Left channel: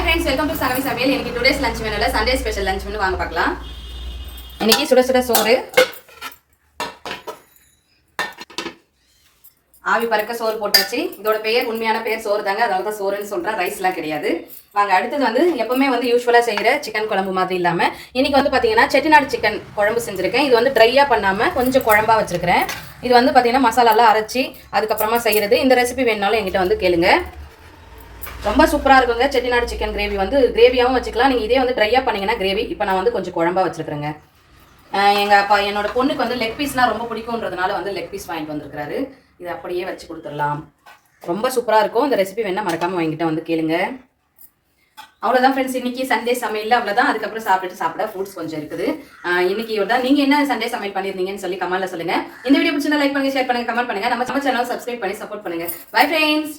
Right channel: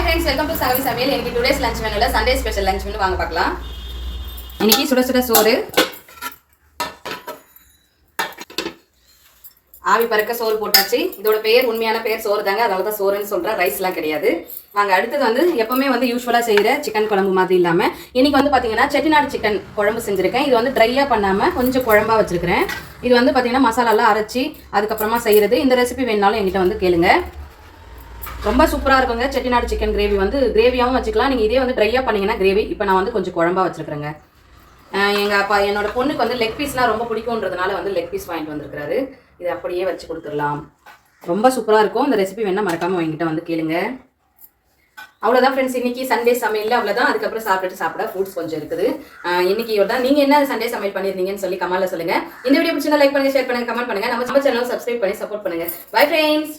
Hi friends, welcome to Sagami Samuel. இன்னைக்கு today's lunch மெனுல Sunday special lunch menu வாங்க பார்க்கலாம். இன்னைக்கு சுட சுட சோறு, ஆவி பறக்க சோறு போட்டாச்சு. இதோட பேர் உண்மையான பேர் சோறு தாங்க, அதனால தான் சோறுன்னு சொல்றேன், ரைஸ்லாம் கிடையாது. வாங்க அடுத்தது வந்து எப்பவுமே வந்து யூஸ்வலாக செய்கிற சிக்கன் குழம்பு மாதிரி இல்லாமல் இன்னைக்கு வந்து பார்த்தீங்கன்னா செட்டிநாடு சிக்கன் குழம்பு செஞ்சுருக்கேன். இது வந்து ட்ரையாக பண்ணாமல் கொஞ்சம் குழம்பா வச்சுருக்கிறேன். இது வந்து பார்த்தீங்கன்னா மசாலாலாம் அரைச்சி அதுக்கப்புறமா செய்கிறது. இந்த ரெசிபி வேணுனாலும் என்கிட்ட வந்து கேளுங்க. ரொம்ப சூப்பராக இருக்குங்க. செட்டிநாடு சிக்கன் கிரேவி வந்து கிரேவியாகவும் வச்சுக்கலாம். நீங்கள் இதே வந்து ட்ரையாக பண்ணிங்கன்னா கிரேவி. இப்போ நான் வந்து கொஞ்சம் குழம்பா வச்சுருக்கிறேங்க. எங்கள் அப்பா என்னோட பொண்ணுக்கு வந்து லெக் பீஸ்னால் ரொம்ப பிடிக்கும்ன்றதுனால வந்து லெக் பீஸ் வாங்கிட்டு வந்துருக்காரு. இது அப்படியே வச்சு கொடுத்துடலாம். ரொம்ப சூப்பராக இருக்கும். இந்த ரெசிபி வேணால் மறக்காமல் என்கிட்ட வந்து கேளுங்க. அவ்வளோதான் ஃப்ரெண்ட்ஸ், இன்னைக்கு சண்டே சமையல் அவ்வளோதான். அதுக்கப்புறம் சாப்பிட ஃப்ரூட்ஸ் கொஞ்சம் இருக்குது. இன்னைக்கு தான் நீங்கள் என்ன சண்டே சமையல் பண்ணியிருந்தீங்கன்னு சொல்லி கமெண்ட்ல சொல்லுங்கள். இந்த வீடியோ பிடிச்சிருந்தா லைக் பண்ணுங்கள், ஷேர் பண்ணுங்கள், கமெண்ட் பண்ணுங்கள். நம்ம சேனல் சப்ஸ்கிரைப் பண்ணி சப்போர்ட் பண்ணுங்கள். Bye friends.